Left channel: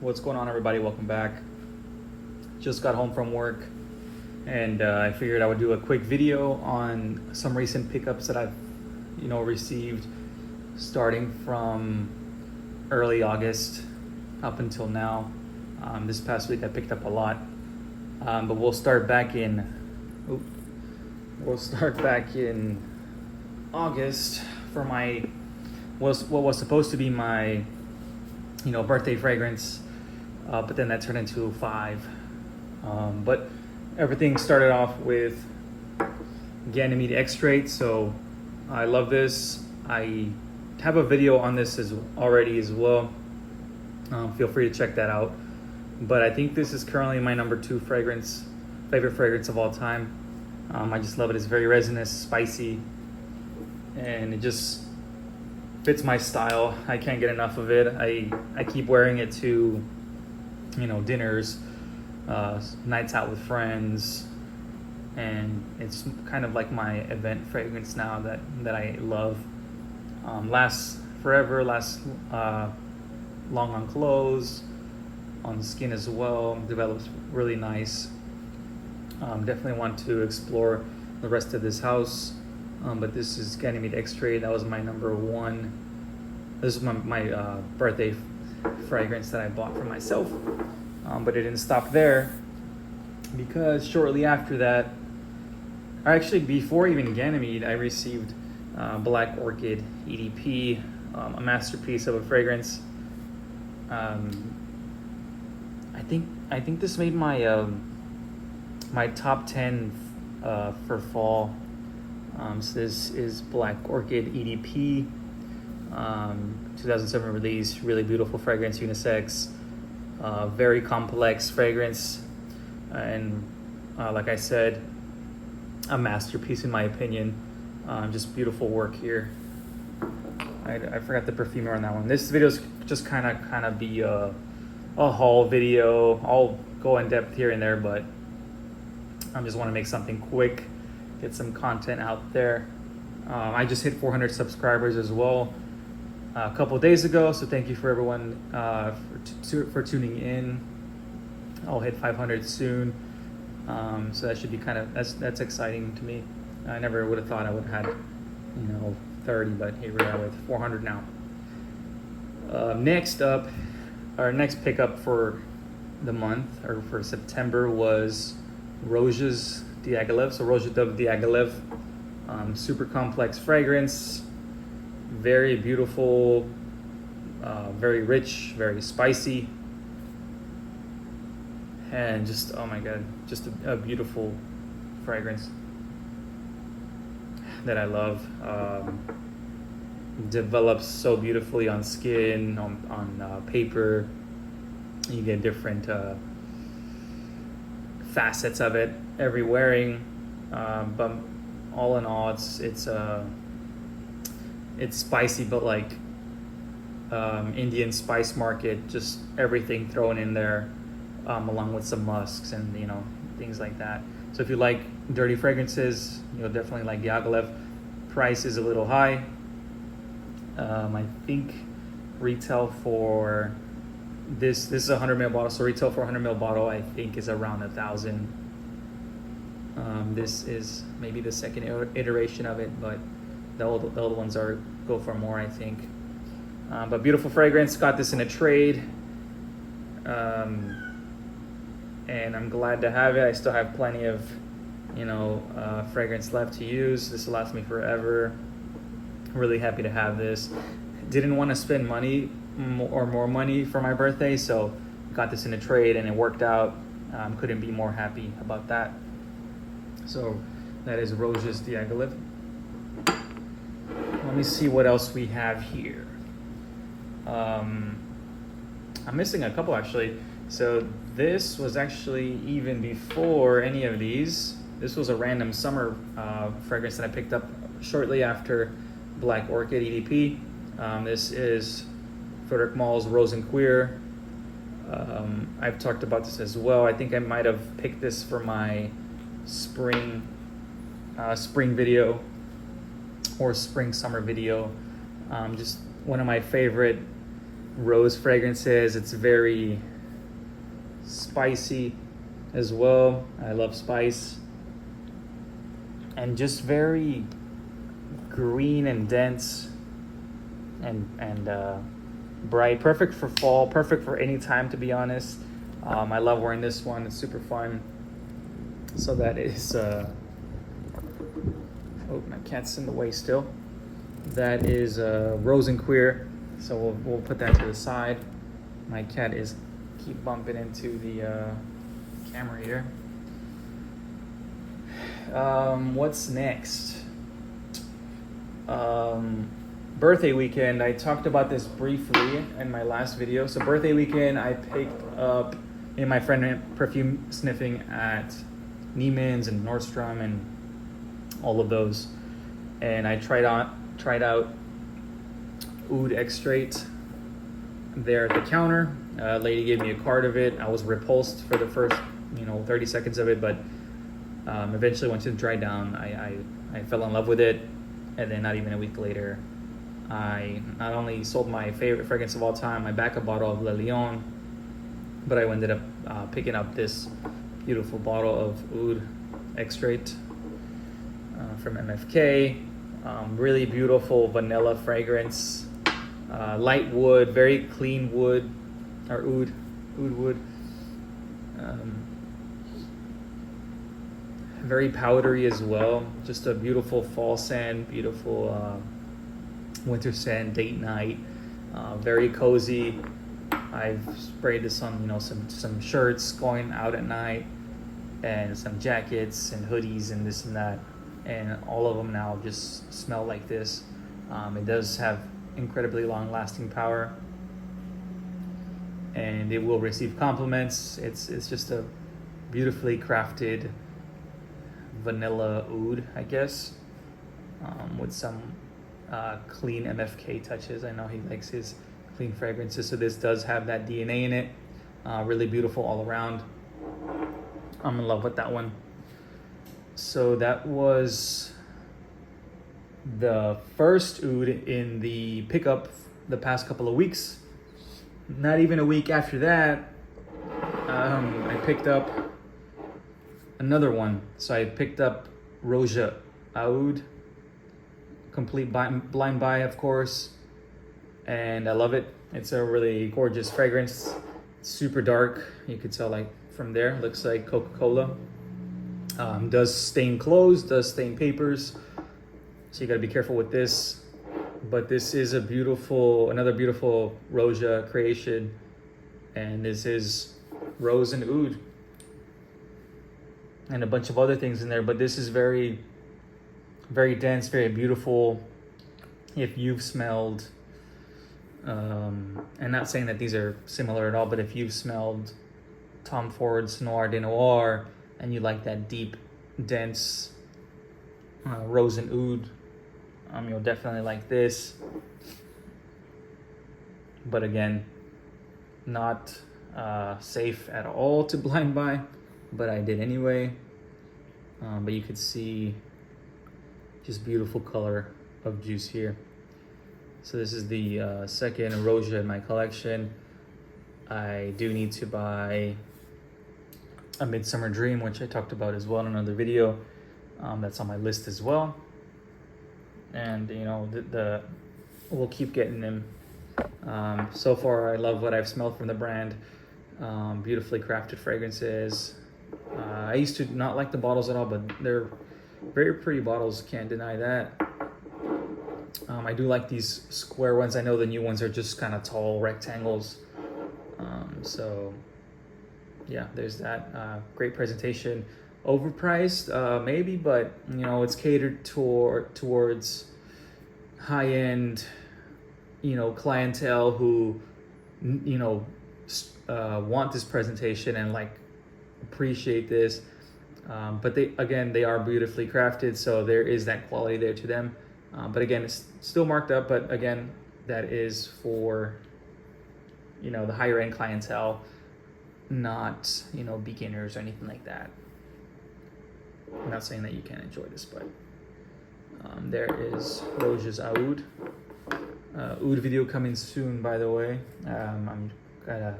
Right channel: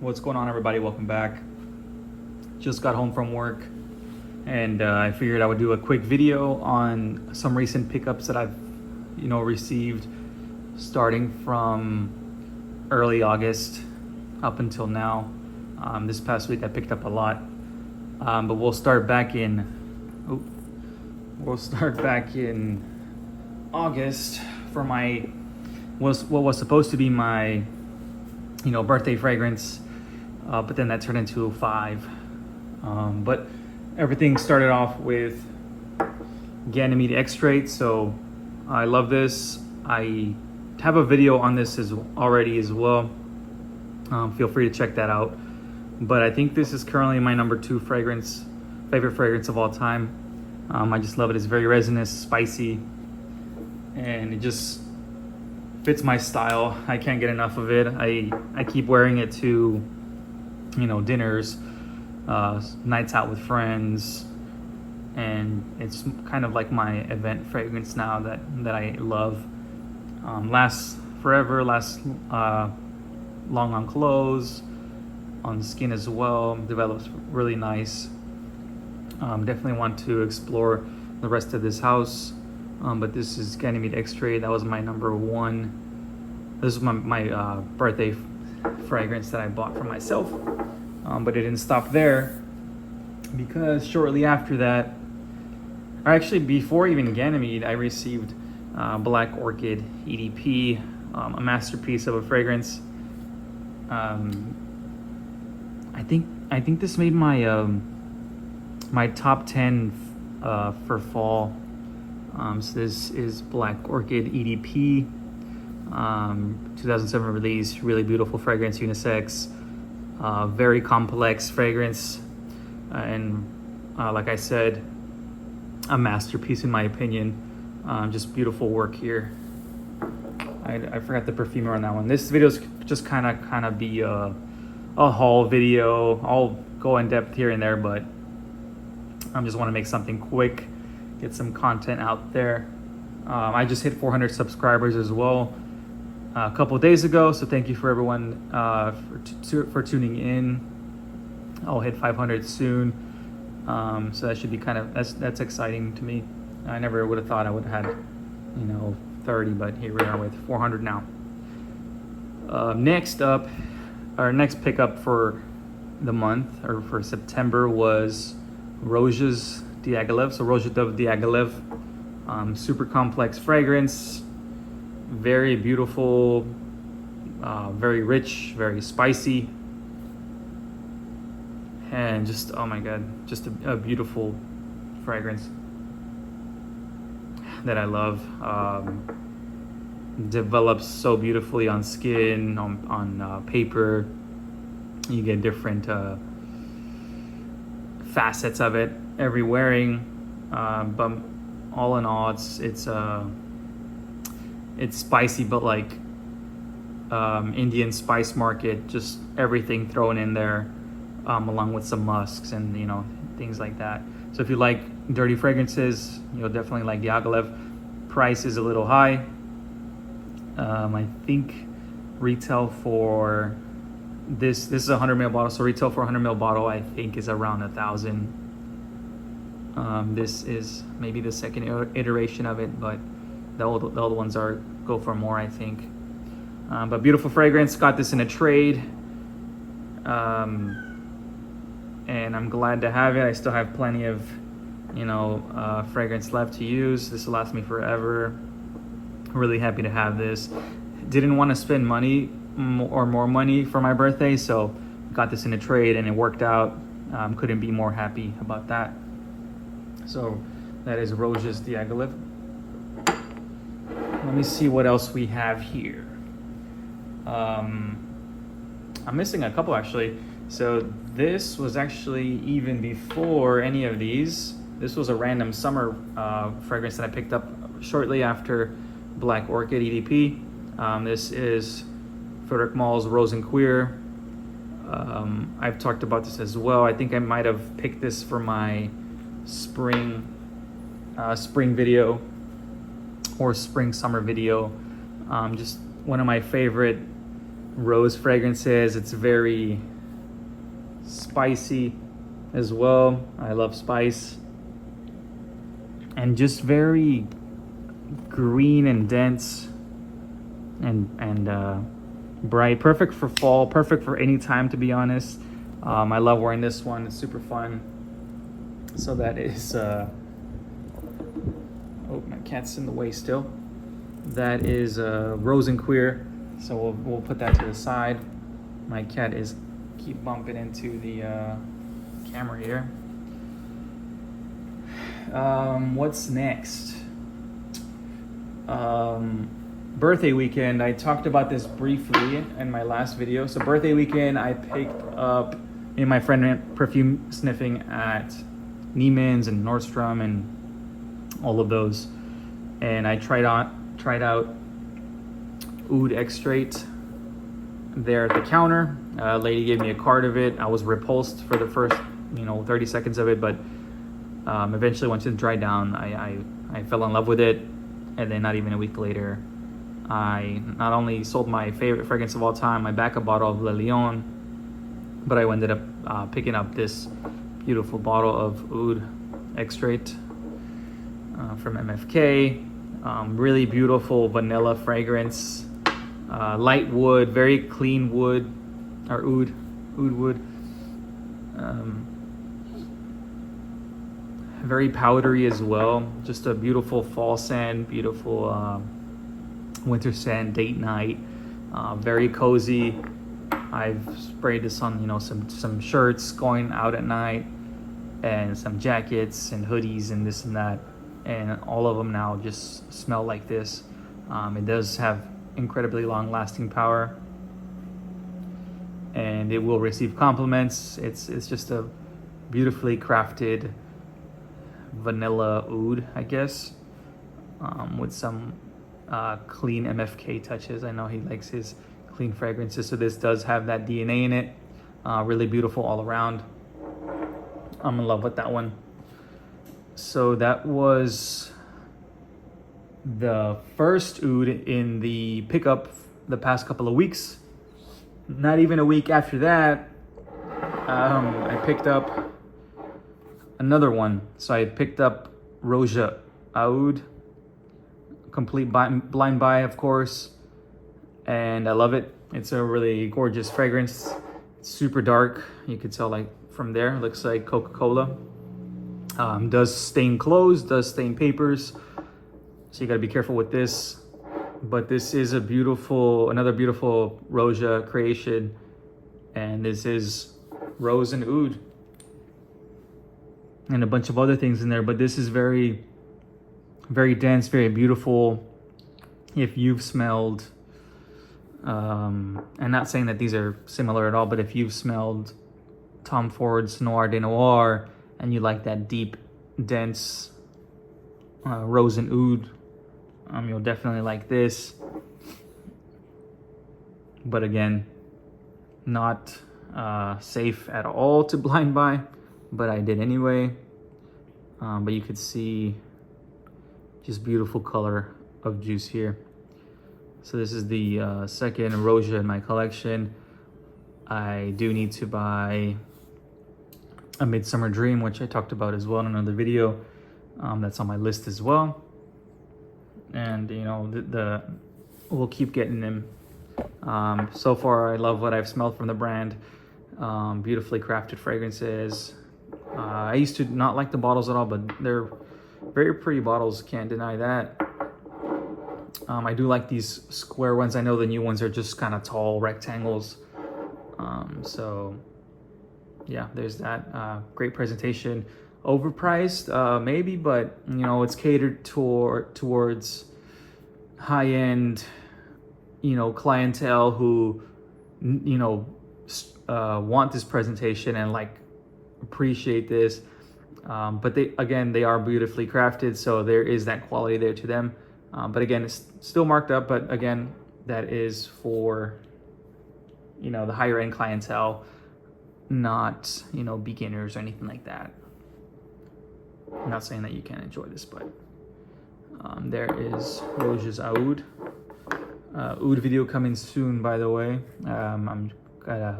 What's going on, everybody? Welcome back. Just got home from work and I figured I would do a quick video on some recent pickups that I've received starting from early August up until now. This past week I picked up a lot, but we'll start back in August for what was supposed to be my birthday fragrance, but then that turned into 5. But everything started off with Ganymede X-Straight, so I love this. I have a video on this already as well. Feel free to check that out. But I think this is currently my number 2 favorite fragrance of all time. I just love it. It's very resinous, spicy, and it just fits my style. I can't get enough of it. I keep wearing it to dinners, nights out with friends, and it's kind of like my event fragrance now that I love. Lasts forever, lasts long on clothes, on the skin as well, develops really nice. Definitely want to explore the rest of this house, but this is Ganymede X-Straight. That was my number 1. This is my birthday fragrance that I bought for myself, but it didn't stop there, because shortly after that, actually before even Ganymede, I received Black Orchid EDP, a masterpiece of a fragrance. I think this made my my top 10 for fall. So this is Black Orchid EDP, 2007 release, really beautiful fragrance, unisex, very complex fragrance, and like I said, a masterpiece in my opinion. Just beautiful work here. I forgot the perfumer on that one. This video is just kind of be a haul video. I'll go in depth here and there, but I just want to make something quick, get some content out there. I just hit 400 subscribers as well a couple of days ago, so thank you for everyone for tuning in. I'll hit 500 soon, so that should be that's exciting to me. I never would have thought I would have had 30, but here we are with 400 now. Next up, our next pickup for the month, or for September, was Roja's Diaghilev. So Roja Dove Diaghilev, super complex fragrance, very beautiful, very rich, very spicy, and just, oh my god, just a beautiful fragrance that I love. Develops so beautifully on skin, on paper. You get different facets of it every wearing, but all in all, it's spicy, but like Indian spice market, just everything thrown in there, along with some musks and things like that. So if you like dirty fragrances, you'll definitely like Diaghilev. Price is a little high. I think retail for this is a 100 ml bottle, so retail for a 100 ml bottle I think is around 1,000. This is maybe the second iteration of it, but the old ones go for more, I think. But beautiful fragrance. Got this in a trade, and I'm glad to have it. I still have plenty of fragrance left to use. This will last me forever. Really happy to have this. Didn't want to spend money or more money for my birthday, so got this in a trade and it worked out. Couldn't be more happy about that. So that is Roja's Diaghilev. Let me see what else we have here. I'm missing a couple actually. So this was actually even before any of these. This was a random summer fragrance that I picked up shortly after Black Orchid EDP. This is Frederic Mall's Rose and Queer. I've talked about this as well. I think I might have picked this for my spring video or spring summer video. Just one of my favorite rose fragrances. It's very spicy as well. I love spice. And just very green and dense and bright. Perfect for fall, perfect for any time, to be honest. I love wearing this one, it's super fun. So that is, oh, my cat's in the way still. That is Rose and Queer. So we'll put that to the side. My cat is keep bumping into the camera here. What's next? Birthday weekend. I talked about this briefly in my last video. So birthday weekend, I picked up, me and my friend went perfume sniffing at Neiman's and Nordstrom and all of those. And I tried out Oud Extrait there at the counter. A lady gave me a card of it. I was repulsed for the first 30 seconds of it, but eventually once it dried down, I fell in love with it. And then not even a week later, I not only sold my favorite fragrance of all time, my backup bottle of Le Lion, but I ended up picking up this beautiful bottle of Oud Extrait from MFK. Really beautiful vanilla fragrance, light wood, very clean wood, or oud wood. Very powdery as well. Just a beautiful fall scent, beautiful winter scent, date night. Very cozy. I've sprayed this on some shirts going out at night, and some jackets and hoodies and this and that. And all of them now just smell like this. It does have incredibly long lasting power, and it will receive compliments. It's just a beautifully crafted vanilla oud, I guess, with some clean MFK touches. I know he likes his clean fragrances, so this does have that DNA in it. Really beautiful all around. I'm in love with that one. So that was the first oud in the pickup the past couple of weeks. Not even a week after that, I picked up another one. So I picked up Roja Oud, complete blind buy, of course, and I love it. It's a really gorgeous fragrance. It's super dark. You could tell like from there, it looks like Coca-Cola. Does stain clothes, does stain papers, so you gotta be careful with this. But this is another beautiful Roja creation, and this is rose and oud, and a bunch of other things in there. But this is very, very dense, very beautiful. If you've smelled, and not saying that these are similar at all, but if you've smelled Tom Ford's Noir de Noir, and you like that deep, dense rose and oud, you'll definitely like this. But again, not safe at all to blind buy, but I did anyway. But you could see just beautiful color of juice here. So this is the second Roja in my collection. I do need to buy A Midsummer Dream, which I talked about as well in another video. That's on my list as well. And we'll keep getting them. So far, I love what I've smelled from the brand. Beautifully crafted fragrances. I used to not like the bottles at all, but they're very pretty bottles, can't deny that. I do like these square ones. I know the new ones are just kind of tall rectangles. So yeah, there's that. Great presentation. Overpriced, maybe, but it's catered towards high-end, clientele who, want this presentation and like appreciate this. But they are beautifully crafted, so there is that quality there to them. But again, it's still marked up, but again, that is for, the higher end clientele, not, beginners or anything like that. I'm not saying that you can't enjoy this, but there is Roja's Oud. Oud video coming soon, by the way. I'm gonna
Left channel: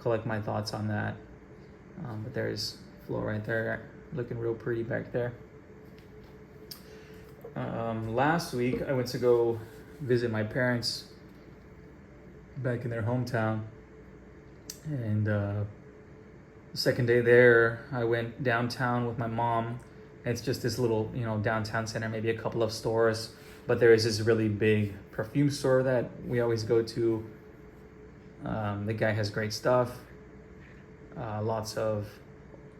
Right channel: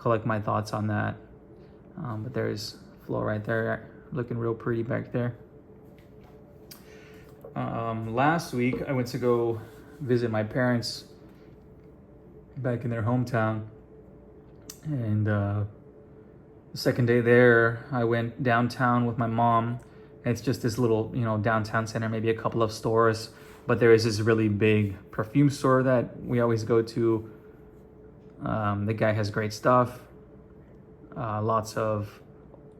collect my thoughts on that. But there's Flo right there, looking real pretty back there. Last week, I went to go visit my parents back in their hometown. And the second day there, I went downtown with my mom. It's just this little, downtown center, maybe a couple of stores. But there is this really big perfume store that we always go to. The guy has great stuff. Lots of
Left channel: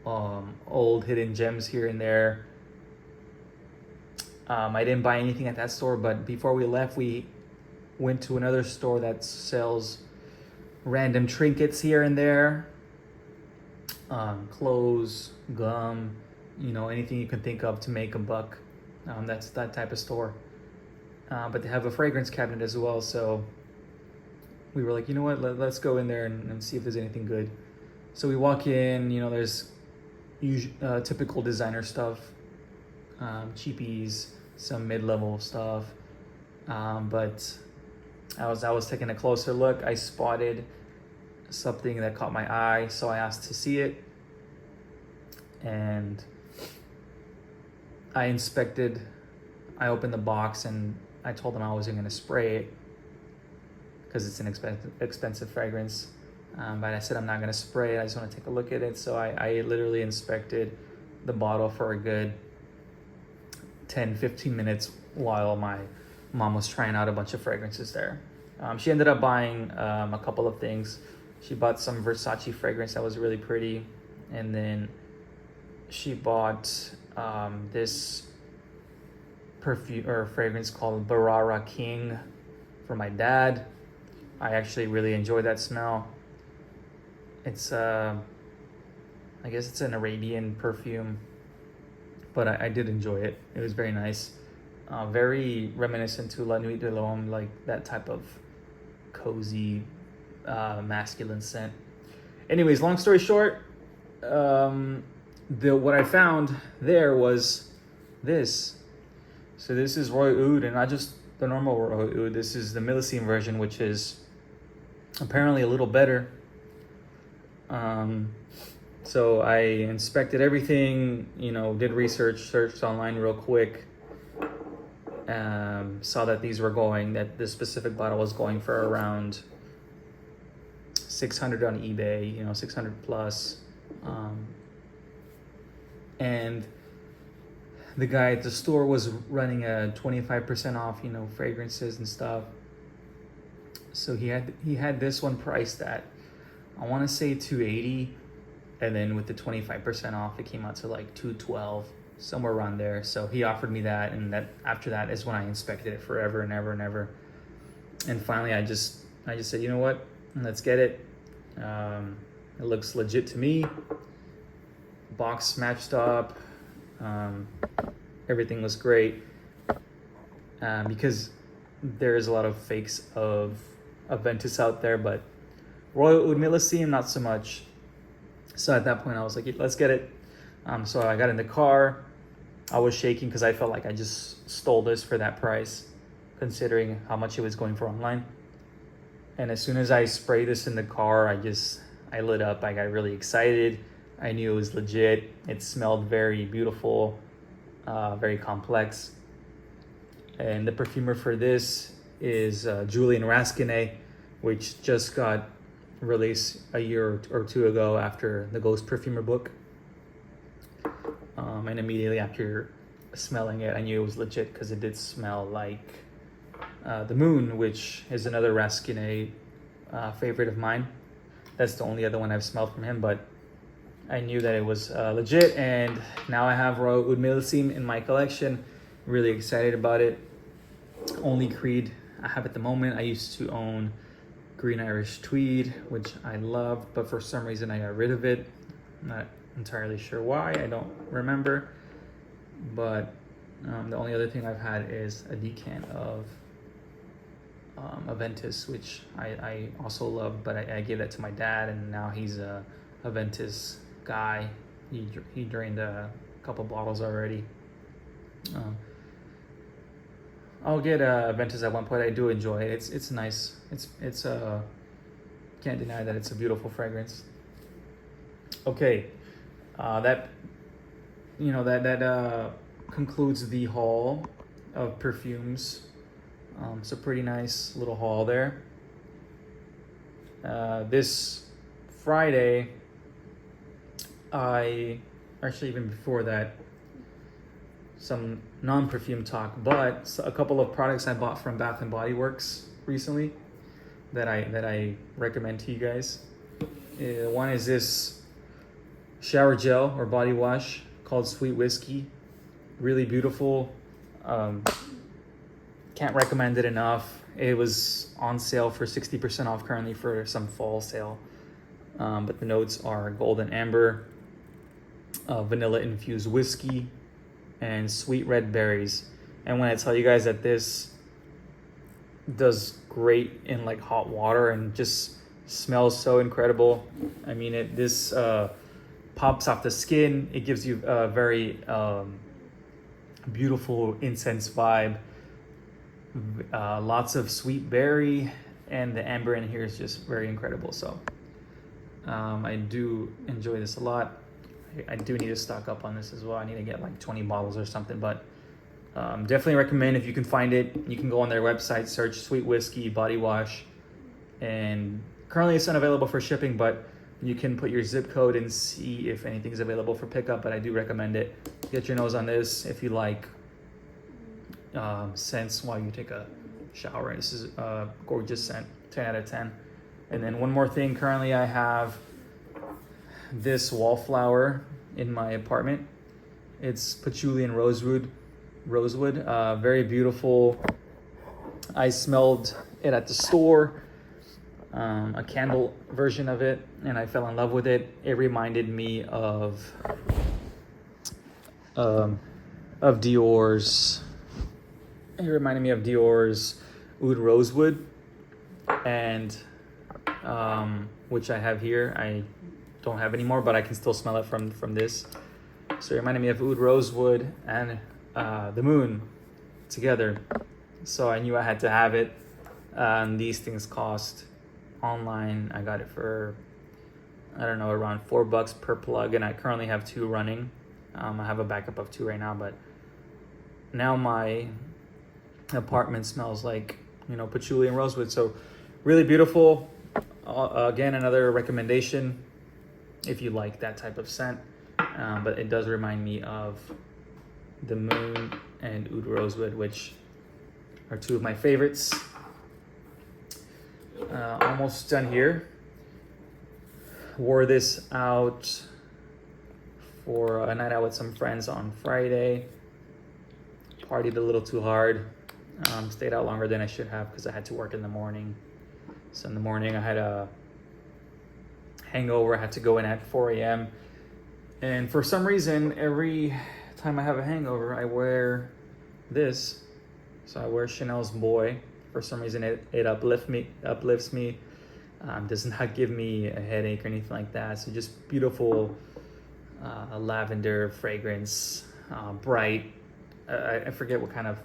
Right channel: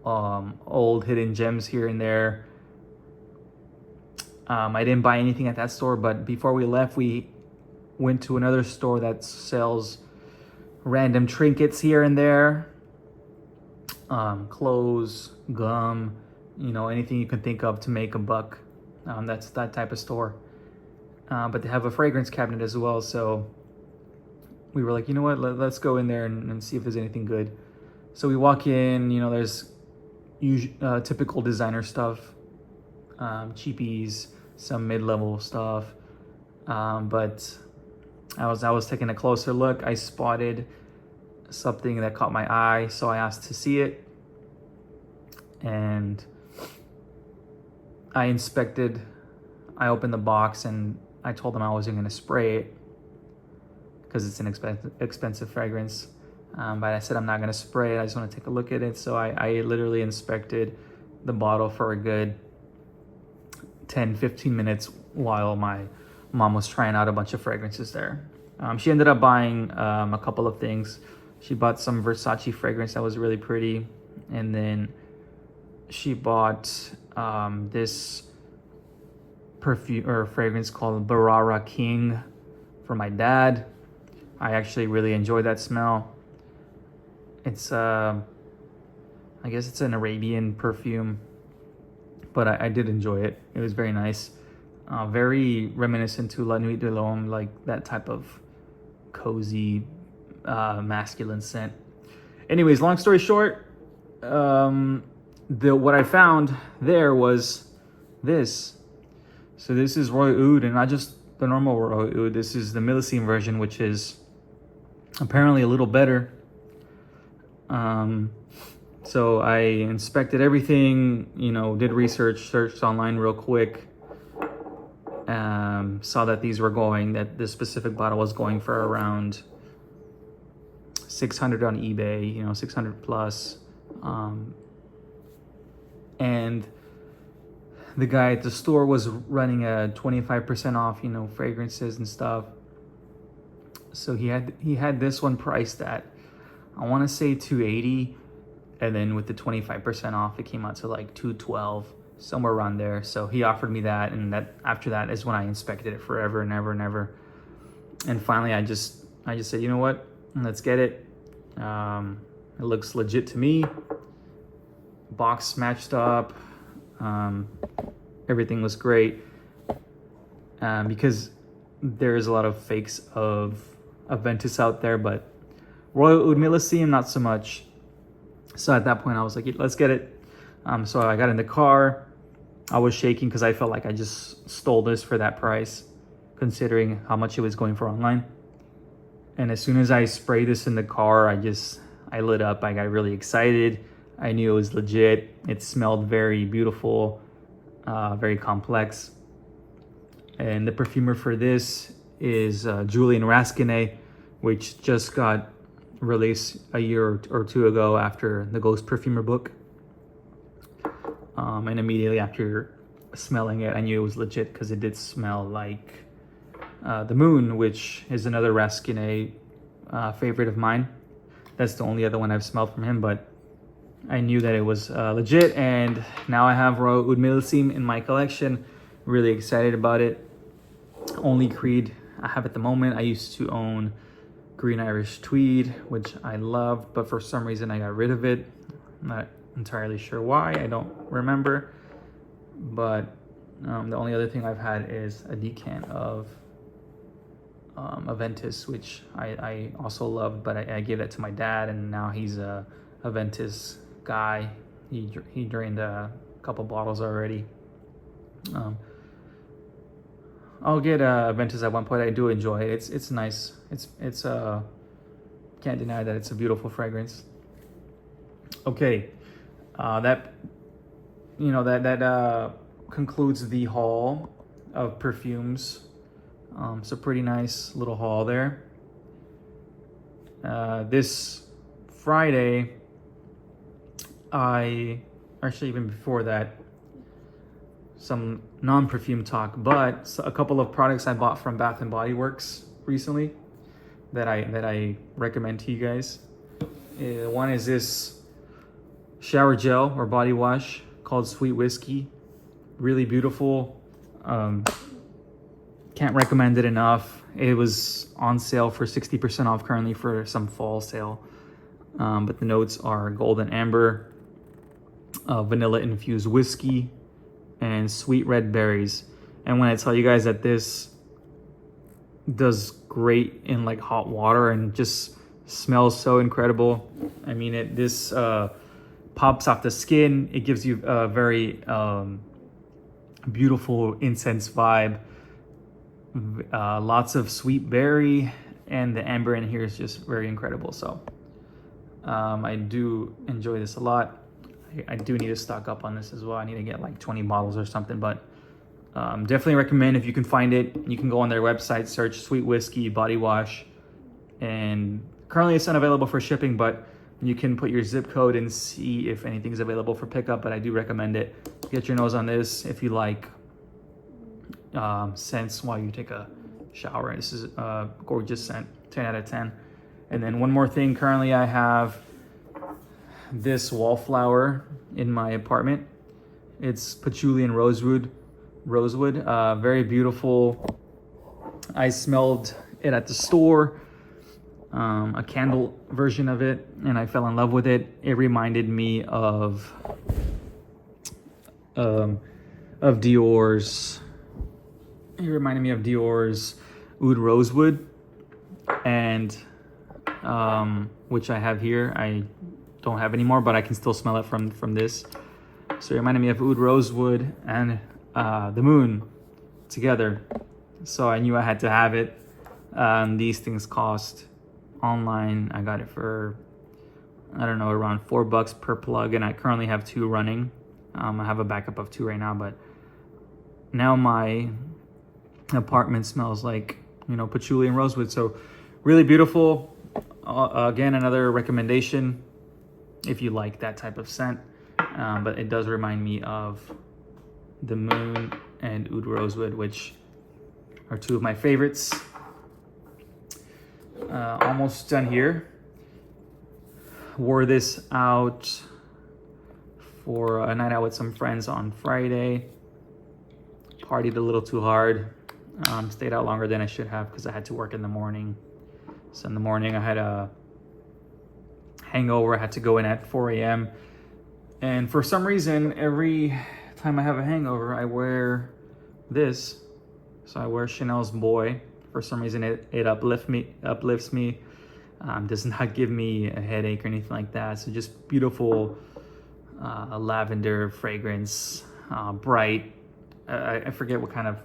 old hidden gems here and there. I didn't buy anything at that store, but before we left, we went to another store that sells random trinkets here and there. Clothes, gum, anything you can think of to make a buck. That's that type of store. But they have a fragrance cabinet as well, so we were like, you know what, let's go in there and see if there's anything good. So we walk in, there's typical designer stuff, cheapies, some mid-level stuff. But I was taking a closer look. I spotted something that caught my eye, so I asked to see it. And I opened the box and I told them I wasn't going to spray it because it's an expensive fragrance. But I said I'm not going to spray it. I just want to take a look at it. So I literally inspected the bottle for a good 10-15 minutes while my mom was trying out a bunch of fragrances there. She ended up buying a couple of things. She bought some Versace fragrance that was really pretty. And then she bought this perfume or fragrance called Barara King for my dad. I actually really enjoy that smell. It's I guess it's an Arabian perfume, but I did enjoy it. It was very nice. Very reminiscent to La Nuit de l'Homme, like that type of cozy masculine scent. Anyways, long story short, what I found there was this. So this is Roy Oud, and not just the normal Roy Oud. This is the Millesime version, which is apparently a little better. So I inspected everything, did research, searched online real quick. Saw that that this specific bottle was going for around 600 on eBay, 600 plus. And the guy at the store was running a 25% off, fragrances and stuff. So he had this one priced at, I want to say $280, and then with the 25% off, it came out to like $212, somewhere around there. So he offered me that, and after that is when I inspected it forever and ever and ever. And finally, I just said, you know what, let's get it. It looks legit to me. Box matched up. Everything was great. Because there's a lot of fakes of Aventus out there, but Royal Oud Millesime, not so much. So at that point, I was like, let's get it. So I got in the car. I was shaking because I felt like I just stole this for that price, considering how much it was going for online. And as soon as I sprayed this in the car, I lit up. I got really excited. I knew it was legit. It smelled very beautiful, very complex. And the perfumer for this is Julien Rasquinet, which just got released a year or two ago after the Ghost Perfumer book. And immediately after smelling it, I knew it was legit because it did smell like The Moon, which is another Rasquinet favorite of mine. That's the only other one I've smelled from him, but I knew that it was legit, and now I have Royal Oud Millesime in my collection. Really excited about it. Only Creed I have at the moment. I used to own Green Irish Tweed, which I loved, but for some reason I got rid of it. I'm not entirely sure why, I don't remember. But the only other thing I've had is a decant of Aventus, which I also loved, but I gave it to my dad, and now he's a Aventus guy. He drained a couple bottles already. I'll get Aventus at one point. I do enjoy it. It's nice. It's can't deny that it's a beautiful fragrance. Okay, that concludes the haul of perfumes. It's a pretty nice little haul there. This Friday, actually even before that, some non-perfume talk, but a couple of products I bought from Bath and Body Works recently that I recommend to you guys. One is this shower gel or body wash called Sweet Whiskey. Really beautiful. Can't recommend it enough. It was on sale for 60% off currently for some fall sale. But the notes are golden amber, vanilla infused whiskey, and sweet red berries. And when I tell you guys that this does great in like hot water and just smells so incredible. I mean, this pops off the skin. It gives you a very beautiful incense vibe. Lots of sweet berry, and the amber in here is just very incredible. So I do enjoy this a lot. I do need to stock up on this as well. I need to get like 20 bottles or something, but definitely recommend if you can find it. You can go on their website, search Sweet Whiskey Body Wash, and currently it's not available for shipping, but you can put your zip code and see if anything's available for pickup, but I do recommend it. Get your nose on this if you like scents while you take a shower. This is a gorgeous scent, 10 out of 10. And then one more thing, currently I have this wallflower in my apartment. It's patchouli and rosewood, very beautiful. I smelled it at the store, a candle version of it, and I fell in love with it. It reminded me of Dior's. It reminded me of Dior's Oud Rosewood, and which I have here. I don't have anymore, but I can still smell it from this. So it reminded me of Oud Rosewood and the moon together. So I knew I had to have it. These things cost online. I got it for, I don't know, around $4 per plug, and I currently have 2 running. I have a backup of 2 right now, but now my apartment smells like, patchouli and rosewood. So really beautiful. Again, another recommendation if you like that type of scent, but it does remind me of the moon and Oud Rosewood, which are 2 of my favorites. Almost done here. Wore this out for a night out with some friends on Friday. Partied a little too hard. Stayed out longer than I should have because I had to work in the morning. So in the morning I had a hangover. I had to go in at 4 a.m. And for some reason, every time I have a hangover, I wear this. So I wear Chanel's Boy. For some reason, it uplifts me. Does not give me a headache or anything like that. So just beautiful lavender fragrance, bright. I forget what kind of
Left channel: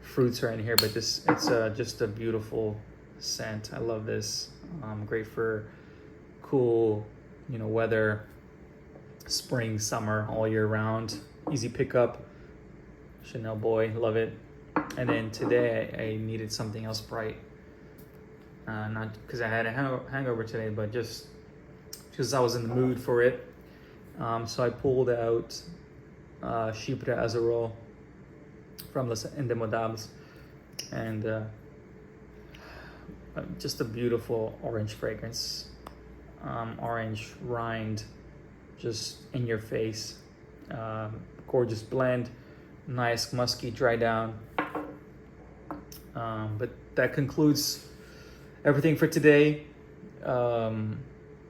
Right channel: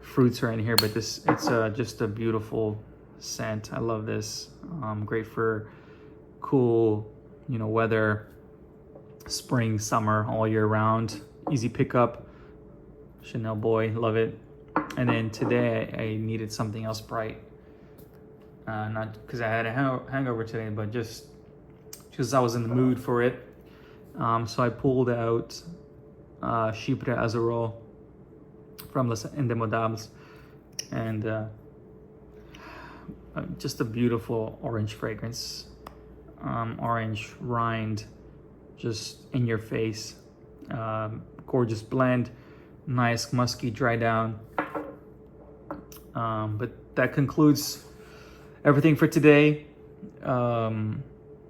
fruits are in here, but it's just a beautiful scent. I love this. Great for cool, weather, spring, summer, all year round. Easy pickup. Chanel Boy, love it. And then today I needed something else bright. Not because I had a hangover today, but just because I was in the mood for it. So I pulled out Chypre Azerol from Les Indemodables, and just a beautiful orange fragrance. Orange rind, just in your face. Gorgeous blend, nice musky dry down. But that concludes everything for today.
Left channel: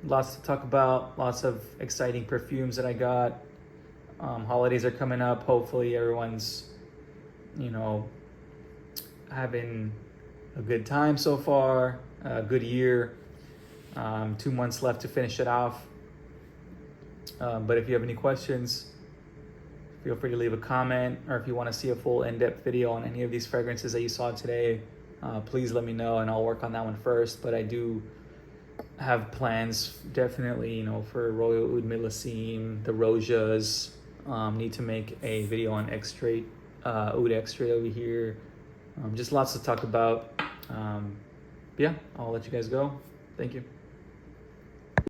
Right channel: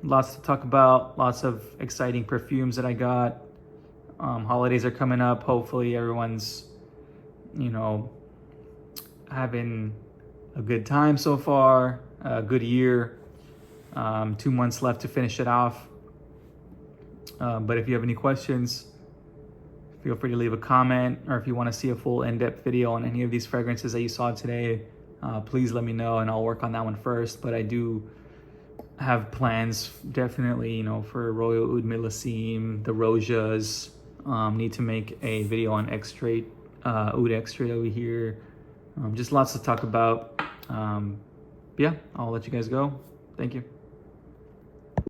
Lots to talk about, lots of exciting perfumes that I got. Holidays are coming up. Hopefully everyone's, having a good time so far, a good year. 2 months left to finish it off. But if you have any questions, feel free to leave a comment, or if you want to see a full in-depth video on any of these fragrances that you saw today, please let me know and I'll work on that one first. But I do have plans definitely, you know, for Royal Oud Millesim, the Rosias. Need to make a video on Extrait, Oud Extrait over here. Just lots to talk about. Yeah, I'll let you guys go. Thank you.